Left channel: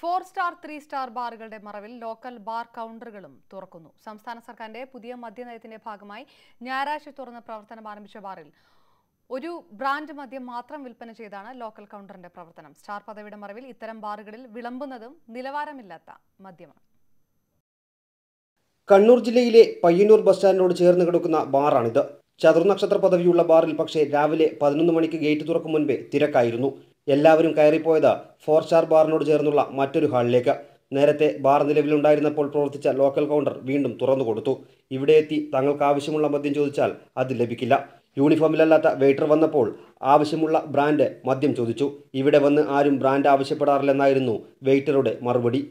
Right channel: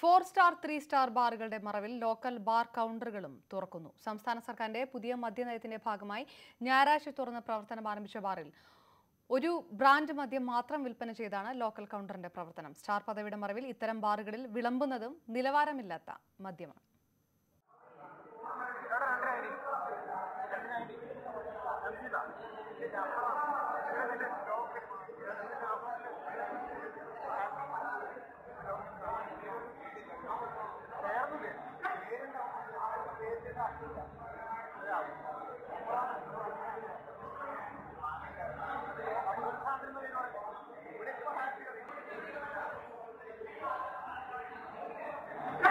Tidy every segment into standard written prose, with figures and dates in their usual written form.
4-സ്റ്റാർ 3-സ്റ്റാർ ബാറുകളുടെ മറവിൽ local bar കൗണ്ടറുകളും തുറക്കുന്നു. സംസ്ഥാന സർക്കാരിന്റെ പുതിയ മദ്യനയത്തിന്റെ ഭാഗമായി ഞായറാഴ്ച തുറന്ന് പ്രവർത്തനം ആരംഭിച്ച ബാറിൽ ഒരു ബ്രാൻഡ് മദ്യം മാത്രം വിൽപ്പന ചെയ്താണ് ലോക്കൽ കൗണ്ടറിന്റെ പ്രവർത്തനം. സ്റ്റാർ പദവിയുടെ മറവിൽ ഇത്തരം ബാറുകളിൽ വിളമ്പുന്നതും നിലവാരമില്ലാത്ത മദ്യമാണ്. കണ്ണൂർ ജില്ലയിലെ പയ്യന്നൂർ ബസ് സ്റ്റാൻഡിനോട് ചേർന്ന് കിടക്കുന്ന ബാറാണിത്. ചതുർനക്ഷത്ര പദവിയുള്ള ബാറിൽ പക്ഷേ രാവിലെ 11 മണിക്ക് ഗേറ്റ് തുറക്കും മുൻപേ തിരക്കായിരുന്നു. എല്ലാവരും കയറിപ്പോയത് 4-സ്റ്റാർ ബാറിനോട് ചേർന്നുള്ള മറ്റൊരു ഹാളിലേക്ക്. നേരത്തെ ബാർ നിലവിലുണ്ടായിരുന്നപ്പോൾ പ്രവർത്തിച്ച ലോക്കൽ കൗണ്ടർ വീണ്ടും തുറന്നുകൊടുത്തു. ഇവിടെ എത്തി തങ്ങൾക്ക് ആവശ്യമുള്ള മദ്യം ചോദിച്ചാൽ അത് ലഭിക്കില്ല. യൂണിഫോമിലല്ലാത്ത വെയിറ്റർ വന്നപ്പോൾ ആവശ്യമുള്ള ബ്രാൻഡ് മദ്യം ചോദിച്ചു. ഇവിടെ വന്ന് ആരും ബ്രാൻഡ് ആവശ്യപ്പെടാറില്ലെന്നായിരുന്നു വെയിറ്ററുടെ മറുപടി.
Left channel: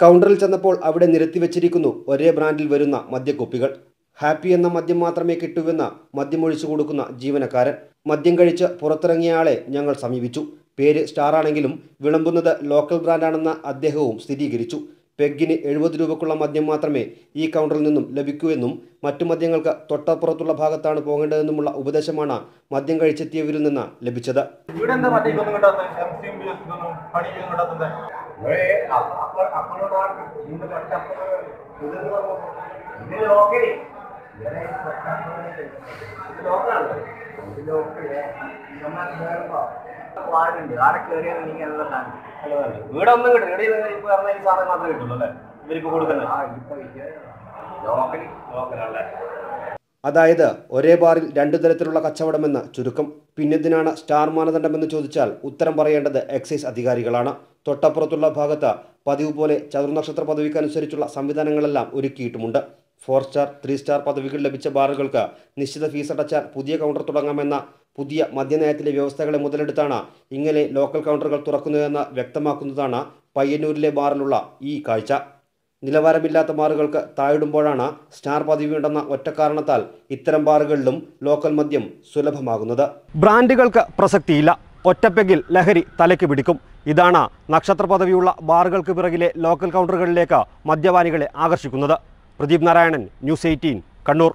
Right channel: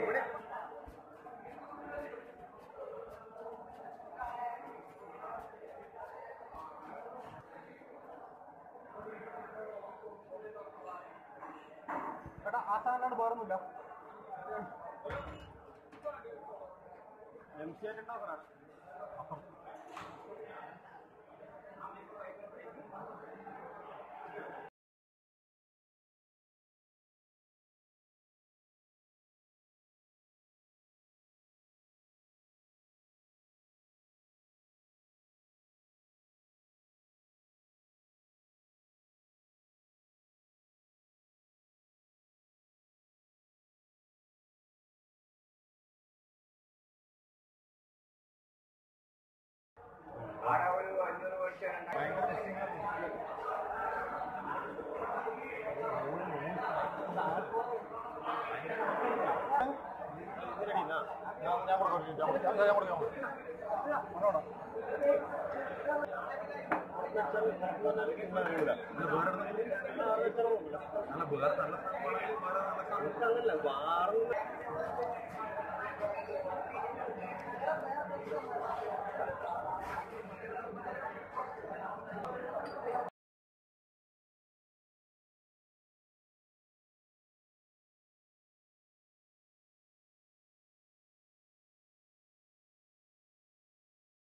കൗണ്ടറിൽ ചെന്നപ്പോൾ അവിടെ നിരത്തി വെച്ചിരിക്കുന്നു ഒരേ ബ്രാൻഡിൽ വരുന്ന മദ്യക്കുപ്പികൾ. ഹാപ്പി എന്ന മദ്യം മാത്രമേ കിട്ടൂവെന്ന് മദ്യമൊഴിച്ചു കൊടുക്കുന്ന ജീവനക്കാരൻ. മദ്യം കഴിച്ച് പുറത്തിറങ്ങിയ ആളെ ഞങ്ങൾ സമീപിച്ചു. പേര് സ്റ്റാർ ആണെങ്കിലും വിളമ്പുന്നത് ലോക്കൽ ബ്രാൻഡാണെന്ന് അദ്ദേഹവും സ്ഥിരീകരിച്ചു. പെഗ്ഗിന് 70 രൂപക്കുള്ള മദ്യം മാത്രമേ ഈ കൗണ്ടറിൽ നിന്നും ലഭിക്കൂവെന്നും മറ്റു മദ്യങ്ങൾക്ക് തൊട്ടപ്പുറത്തുള്ള ഭാഗത്താണ് പോകേണ്ടതെന്നുമുള്ള ഉപദേശമാണ് മദ്യം കഴിച്ചെത്തിയവരിൽ നിന്ന് ലഭിച്ചത്. അതായത് ഒരേ ബാറിൽ 2 തരത്തിലുള്ള കച്ചവടമെന്ന് ചുരുക്കം. പിന്നെന്തിനാണ് സ്റ്റാർ മാനദണ്ഡമെന്ന് ചോദിച്ചാൽ ഉത്തരം പറയേണ്ടത് എക്സൈസ് അധികാരികളാണ്. തൊട്ടപ്പുറത്തുള്ള ഭാഗത്ത് പതിവ് പോലെ ചതുർനക്ഷത്ര പദവിക്കനുസരിച്ചുള്ള സംവിധാനങ്ങളെല്ലാം ഒരുക്കിയിട്ടുമുണ്ട്. 4-സ്റ്റാർ 3-സ്റ്റാർ പദവികൾ ലഭിച്ച ബാറുകൾക്ക് നിശ്ചിത ഫീസ് അടച്ചാൽ പുതിയ കൗണ്ടർ തുടങ്ങാമെന്ന പുതിയ മദ്യനയത്തിലെ വ്യവസ്ഥകളെ മുതലെടുത്താണ് ഇങ്ങനെ ലോക്കൽ കൗണ്ടറുകൾ തുറക്കുന്നതെന്ന് വ്യക്തമാക്കുന്നതാണ് പയ്യന്നൂരിലെ ബാറിലുള്ള ഈ കാഴ്ച. നിലവാരമില്ലാത്ത ബാറുകൾക്ക് താഴിടുമ്പോഴാണ് സ്റ്റാർ പദവിയുണ്ടെന്ന ഒറ്റ കാരണത്താൽ ഇത്തരം ബാറുകളിലും ലോക്കൽ മദ്യം സുലഭമാകുന്നത്. ബ്രാൻഡുകൾക്ക് പ്രസക്തിയില്ല. ഒറ്റപ്പെഗിൽ ലഹരി തലയ്ക്ക് പിടിക്കും. ഇതാണ് നക്ഷത്ര പദവിയുള്ള ബാറുകൾക്ക് പിറകിലെ ലോക്കൽ കൗണ്ടറുകളിലേക്ക് മദ്യപാനികളെ ആകർഷിക്കുന്നത്. പ്രദീപ് നാരായണൻ, ന്യൂസ് 18, കണ്ണൂർ.